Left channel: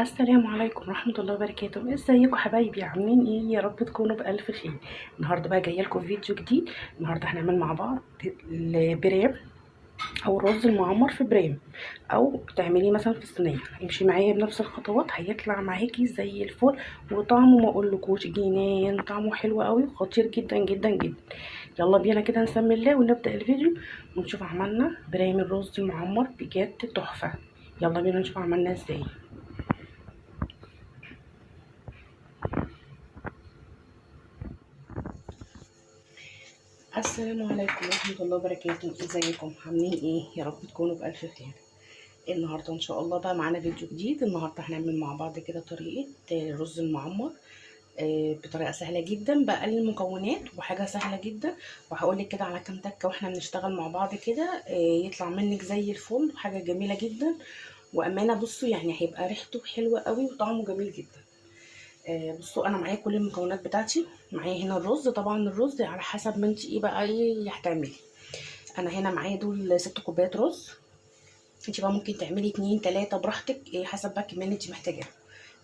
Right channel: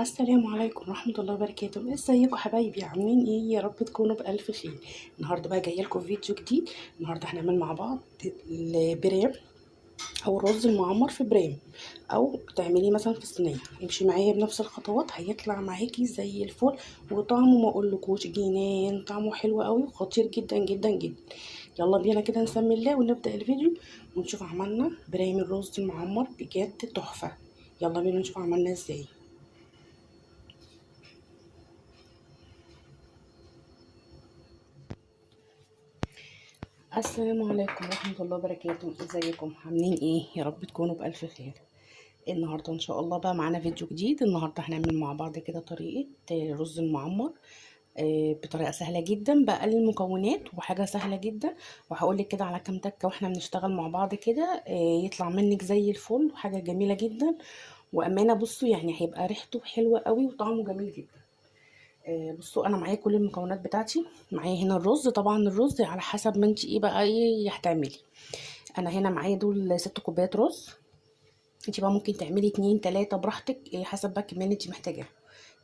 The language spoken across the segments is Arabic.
السلام عليكم ورحمة الله وبركاته. ازيكم حبايبي؟ عاملين ايه؟ يا رب تكونوا بألف خير. النهارده بقى جايه لكم فيديو جديد. النهارده هنعمل مع بعض البرام او الرز المعمر في برام، او تعمليه مثلا في الصينيه. امشي معايا بنفس الخطوات هيطلع معاكي زي الفل، وطعمه ما اقولكوش جنان، طعمه حلو قوي وخطير جدا جدا جدا. يلا بينا كده نسمي الله ونبدأ الفيديو ونشوف عملنا برام الرز المعمر بجد تحفة. يلا بينا نشوف عملنا ازاي. السلام عليكم ورحمة الله وبركاته. ازيكم؟ عاملين ايه؟ يا رب تكونوا بألف خير. النهاردة ان شاء الله بقى معانا فيديو جديد. النهاردة هنعمل مع بعض كده طريقة الرز المعمر بطريقة سهلة جدا بأقل المكونات وحاجة سهلة جدا. وهقولك كده على كام تكة واحنا بنشتغل مع بعض كده يطلع منك زي الفل وحاجة جميلة جدا. وأمانة بصوا يعني هيبقى ريحته حلوة قوي وطعمه جميل جدا. بصوا انا معايا كل المكونات بتاعتي. معايا هنا الرز، طبعا الرز على حسب ما انت ايه بقى ايه هتعملي. انا هنا معايا دول 6 كوبايات رز. انت بقى ممكن تعملي 2 3 براحتك، ايه حسب بقى الكميه اللي انت محتاجاها.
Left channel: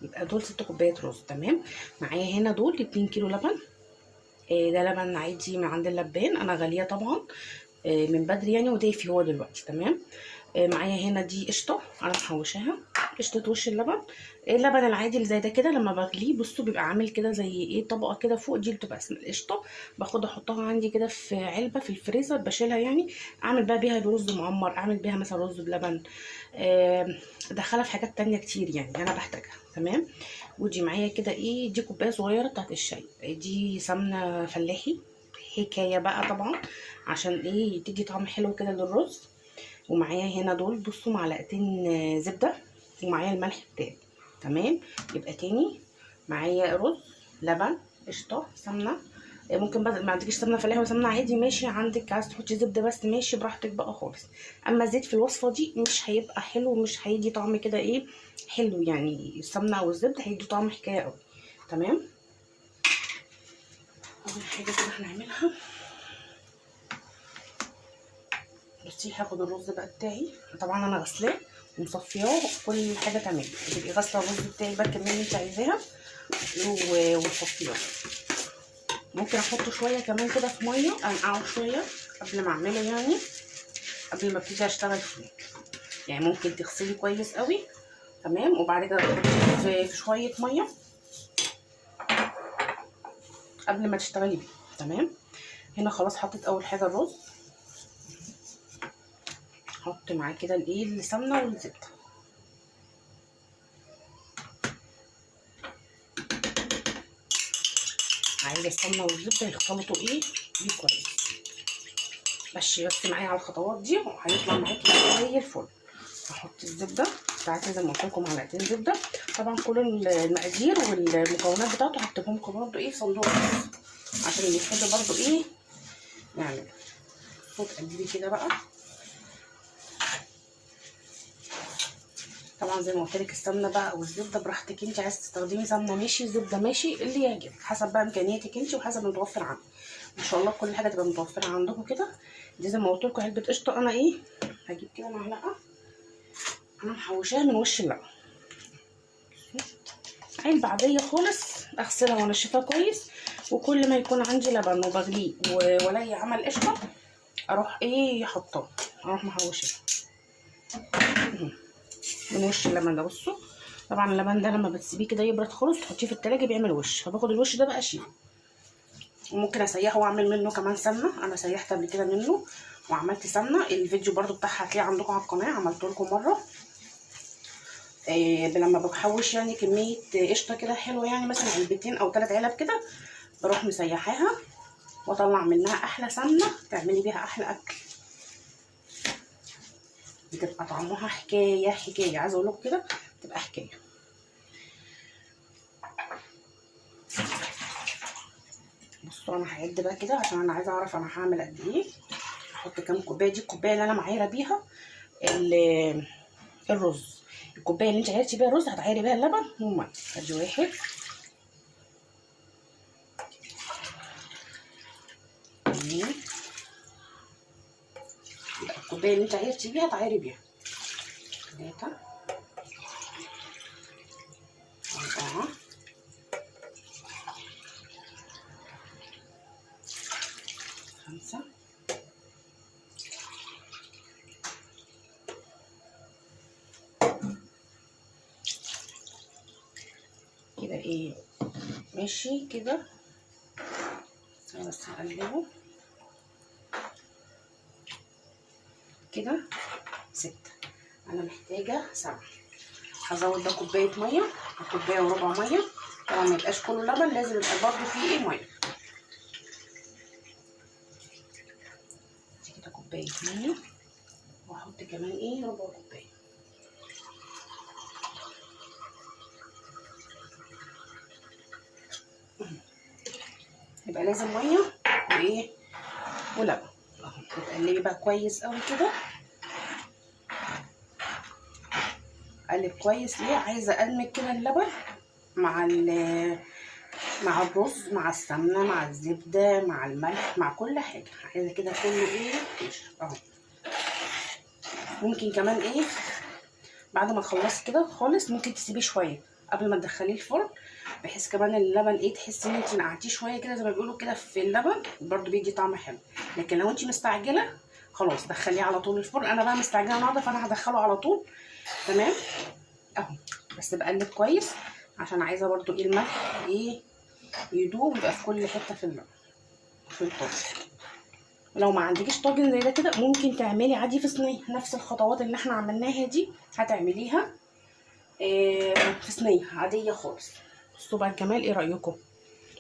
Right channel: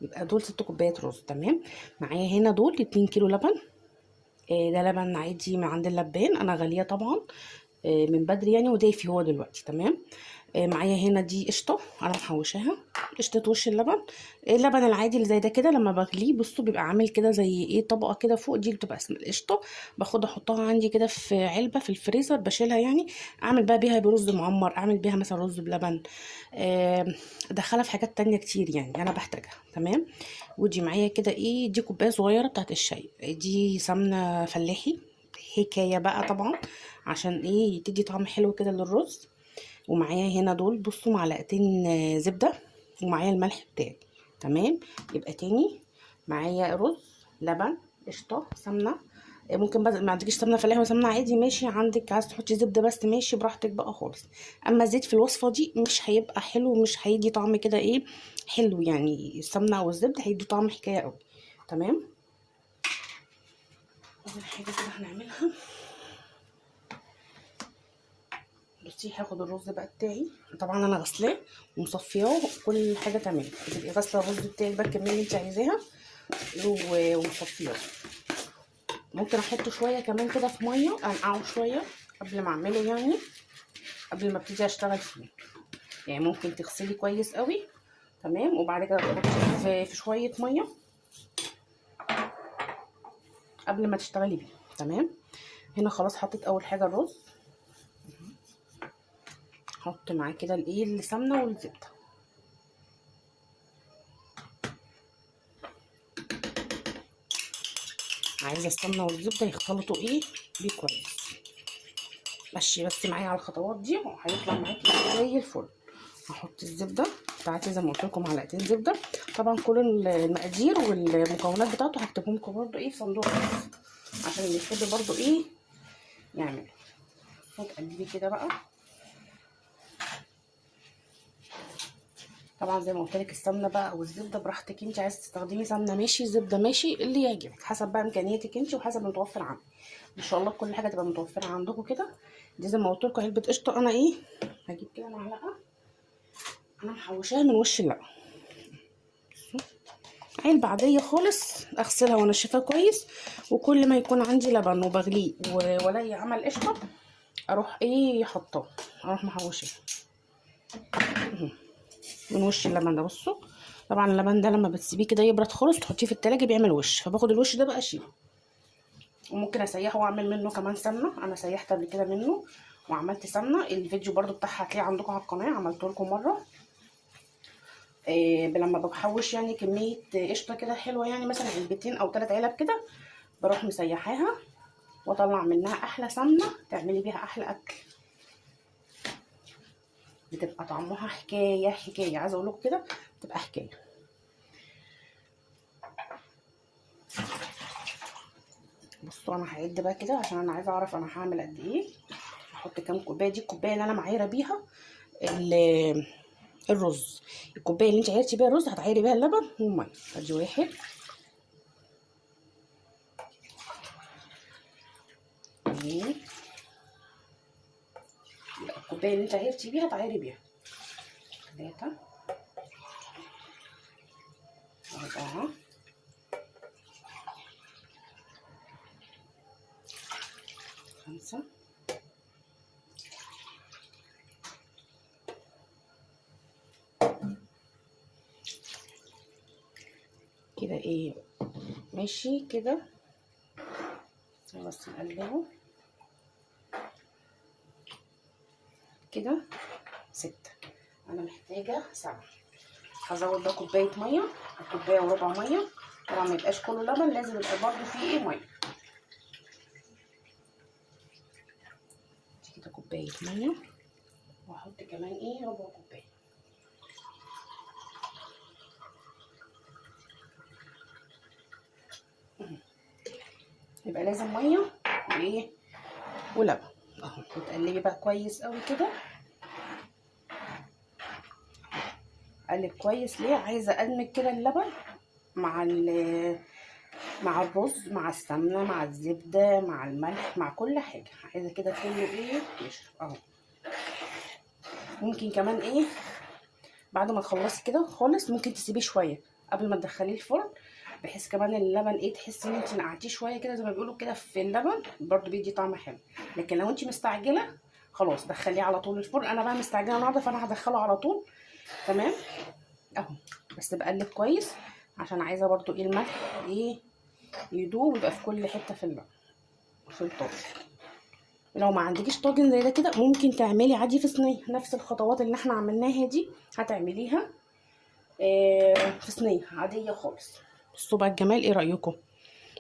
يبقى دول 6 كوبايات رز تمام. معايا هنا دول 2 كيلو لبن. ده لبن عادي من عند اللبان، انا غاليه طبعا من بدري يعني ودافي هو دلوقتي تمام. معايا هنا دي قشطه انا محوشاها، قشطه وش اللبن. اللبن العادي اللي زي ده كده لما بغليه بصوا بيبقى عامل كده زي ايه طبقه كده فوق، دي اللي بتبقى اسمها القشطه. باخد احطها عندي كده في علبه في الفريزر بشيلها يعني. اعمل بقى بيها برز معمر، اعمل بيها مثلا رز بلبن، ادخلها في حاجات تانية كتير يعني انا بحتاجها تمام. ودي معايا كده ايه، دي كوبايه صغيره بتاعت الشاي، دي سمنه فلاحي حكايه بقى طبعا عشان ايه تدي طعم حلو كده للرز. ومعايا هنا دول بصوا معلقتين زبده، ومعايا الملح بتاعي تمام. يبقى تاني معايا رز، لبن، قشطه، سمنه. ممكن بقى ما عندكيش سمنه فلاحي وسمنه عادي ماشي، عندك عايز تحطي زبده بس ماشي براحتك بقى خالص. اما الزيت في الوصفه دي مش هيبقى حلو، مش هيدي طعم كده ايه حلو يعني. السمنه او الزبده هيدي طعم حكايه قوي تمام. اول حاجه كده هنعملها، بصي هاخد الرز بقى بتاعي. طبعا انا غسلاه ومصفياه كل حاجه تمام. تبقي غاسله الرز بتاعك بقى الكميه اللي انت عايزاها ومصفياه. ممكن احطه شويه كمان كده في ميه انقعه شويه قبل ما اعمله يعني، قبل ما ابتدي اشتغل فيه. يعني ممكن تغسلي كويس قوي تمام، وبعد كده تحطيه في شويه ميه قبل ما تشتغلي بيه تمام. هنا خلاص حطيت اول حاجه الرز، احط معاه كده الايه السمنه والزبده. عايزه السمنه والزبده يختلطوا ايه بيه كويس. مشي بس معايا على الخطوات دي وهيطلع معاكي زي الفل. هحط الزبده بتاعتي زي ما قلت لكم معلقتين زبده. طبعا كل المقادير والمكونات بتاعته هكتبهم لكم برده ايه في صندوق عشان اللي يحب برده ايه يعمل. وتقلبي كده بقى. طبعا زي ما قلت لك السمنه بقى او الزبده براحتك، انت عايزه تستخدمي سمنه ماشي، زبده ماشي، اللي يعجبك حسب بقى امكانياتك انت وحسب المتوفر عندك. ان شاء الله كل حاجه تبقى متوفره عندكم كده. دي زي ما قلت لكم علبه قشطه، انا ايه هجيب كده معلقه انا محوشاها من وش اللبن. علبه عاديه خالص اغسلها وانشفها كويس. وكل ما يكون عندي لبن وبغليه ولا عمل قشطه اروح ايه حطاه، اروح محوشاها من وش اللبن ده. بصوا طبعا اللبن ده لما بتسيبيه كده يبرد خالص تحطيه في التلاجة بيعمل وش، فباخد الوش ده بقى اشيله. وممكن اسيحه واعمل منه كمان سمنه، انا سيحت قبل كده منه وعملت سمنه. الفيديو برده بتاعها هتلاقيه عندكم على القناه، عملته لكم مره. لما بحوش يعني كميه قشطه كده حلوه يعني مثلا علبتين او 3 علب كده، بروح مسيحاها واطلع منها احلى سمنه تعملي بيها احلى اكل. بتبقى طعمها حكايه حكايه، عايزه اقول لكم كده بتبقى حكايه. بصوا انا هعد بقى كده عشان انا عايزه اعرف انا هعمل قد ايه. احط كام كوبايه، دي الكوبايه اللي انا معايره بيها الرز. الكوبايه اللي انت عايرتي بيها الرز هتعايري بيها اللبن والميه. ادي واحد، اتنين، الكوبايه اللي انت عايرتي بيها تعايري بيها 3، 4 5 كده ايه ماشي كده. بس هقلبه كده 6. انا محتاجه 7. هزود ده كوبايه ميه او كوبايه وربع ميه. طبعا ما يبقاش كله لبن، لازم يبقى برضه فيه ايه ميه. دي كده كوبايه ميه، وهحط كمان ايه ربع كوبايه. يبقى لازم ميه وايه ولبن اهو. هتقلبي بقى كويس قوي كده. اقلب كويس ليه؟ عايزه ادمج كده اللبن مع الرز، مع السمنه، مع الزبده، مع الملح، مع كل حاجه. عايزه كده كله ايه يشرب اهو. ممكن كمان ايه بعد ما تخلصي كده خالص ممكن تسيبيه شويه قبل ما تدخليه الفرن، بحيث كمان اللبن ايه تحسي ان انت نقعتيه شويه كده زي ما بيقولوا كده في اللبن، برده بيدي طعم حلو. لكن لو انت مستعجله خلاص دخليه على طول الفرن. انا بقى مستعجله النهارده فانا هدخله على طول. تمام اهو. بس بقلب كويس عشان عايزه برده ايه الملح ايه يدوب ويبقى في كل حته في اللبن في الطاجن. لو ما عندكيش طاجن زي ده كده ممكن تعملي عادي في صينيه، نفس الخطوات اللي احنا عملناها دي هتعمليها في صينيه عاديه خالص. بصوا بقى الجمال، ايه رايكم؟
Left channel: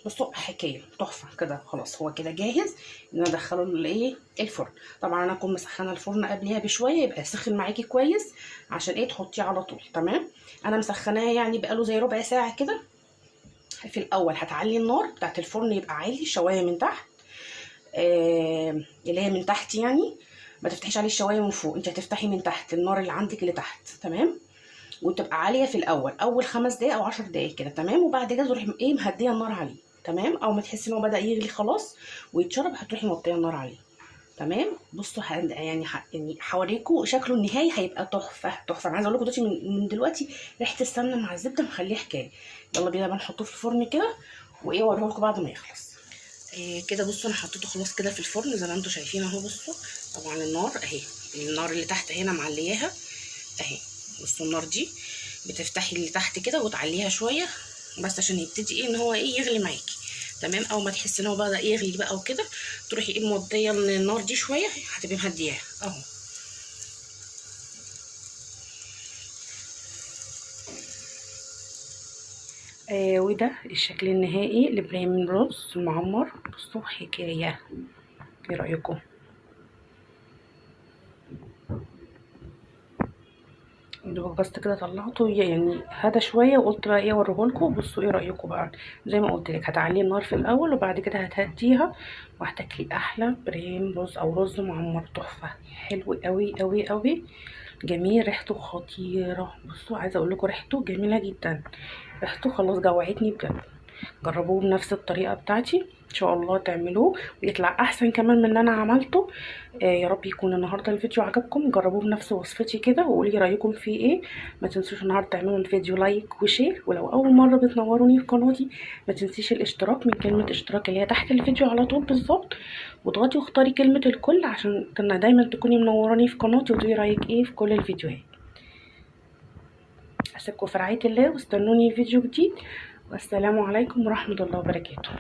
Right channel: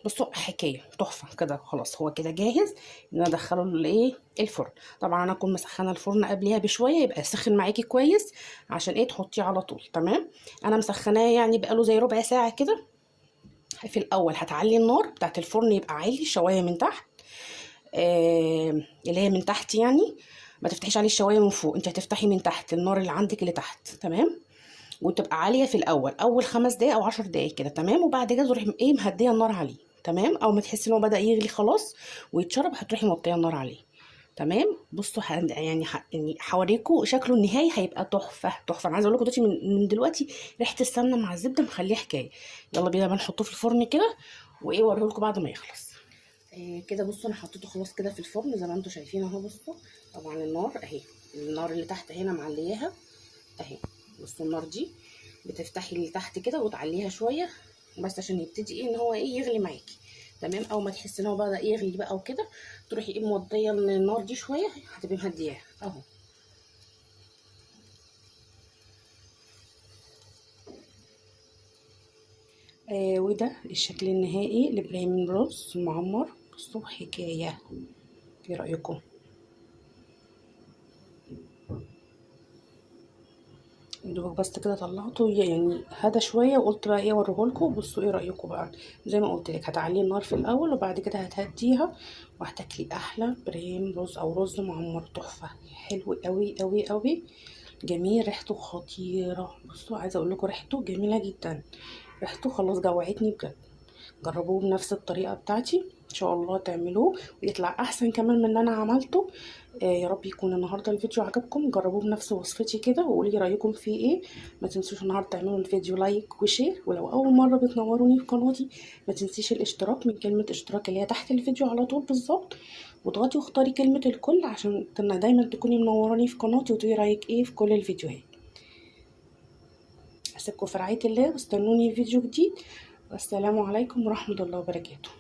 بصوا حكايه تحفه كده. خلاص هو كده جاهز ان انا ادخله الايه الفرن. طبعا انا اكون مسخنه الفرن قبلها بشويه يبقى سخن معاكي كويس عشان ايه تحطيه على طول. تمام. انا مسخناه يعني بقاله زي ربع ساعه كده. في الاول هتعلي النار بتاعت الفرن يبقى عالي شوايه من تحت، اللي هي من تحت يعني. ما تفتحيش عليه الشوايه من فوق، انت هتفتحي من تحت النار اللي عندك اللي تحت. تمام. وتبقى عاليه في الاول اول 5 دقايق او 10 دقايق كده. تمام. وبعد كده تروحي ايه مهديه النار عليه. تمام. او ما تحسي ان هو بدا يغلي خلاص ويتشرب هتروحي موطيه النار عليه. تمام. بصوا يعني يعني هوريكم شكله النهائي هيبقى تحفه تحفه. انا عايزه اقول لكم دلوقتي من دلوقتي ريحه السمنه مع الزبده مخليه حكايه. يلا بينا بقى نحطه في الفرن كده وايه اوريه لكم بعد ما يخلص. كده بصوا انا حطيته خلاص كده في الفرن زي ما انتم شايفين اهو. بصوا طبعا النار اهي، النار اللي تحت هنا معلياها اهي. بصوا النار دي بتفتحي اللي تحت كده وتعليها شويه بس عشان يبتدي ايه ان هو ايه يغلي معاكي. تمام. اول ما تحسي ان هو بدا يغلي بقى وكده تروحي ايه موطيه النار دي شويه هتبقي مهدياها اهو. وده الشكل النهائي لابراهيم رز المعمر. بصوا حكايه. ايه رايكم؟ دوبك بس كده طلعته يعني هدى شويه وقلت بقى ايه اوريهولكم. بصوا ايه رايكم بقى؟ زي ما قلت لك هتعلي النار في الاول وبعد كده هتهديها وهتاكلي احلى بريم رز او رز معمر تحفه. حلو قوي قوي قوي جميل، ريحته خطيره. بصوا عايزه اقول لكم ريحته جميله جدا. ريحته خلاص جوعتني بجد. جربوه بنفس الطريقه بتاعتي ان شاء الله تعملوه ويطلع احسن كمان من اللي انا عملته. يا رب يكون النهارده الفيديو عجبكم. جربوه بنفس وصفتي كده وقولي رايكم فيه ايه. ما تنسوش النهارده تعملوا الفيديو لايك وشير، ولو اول مره بتنوروني في قناتي ما تنسيش الاشتراك من كلمه اشتراك اللي هي تحت الفيديو على طول بالظبط، واضغطي واختاري كلمه الكل عشان دايما تكوني منوراني في قناتي وتقولي رايك ايه في كل الفيديوهات. اسيبكم في رعايه الله واستنوني فيديو جديد، والسلام عليكم ورحمه الله وبركاته.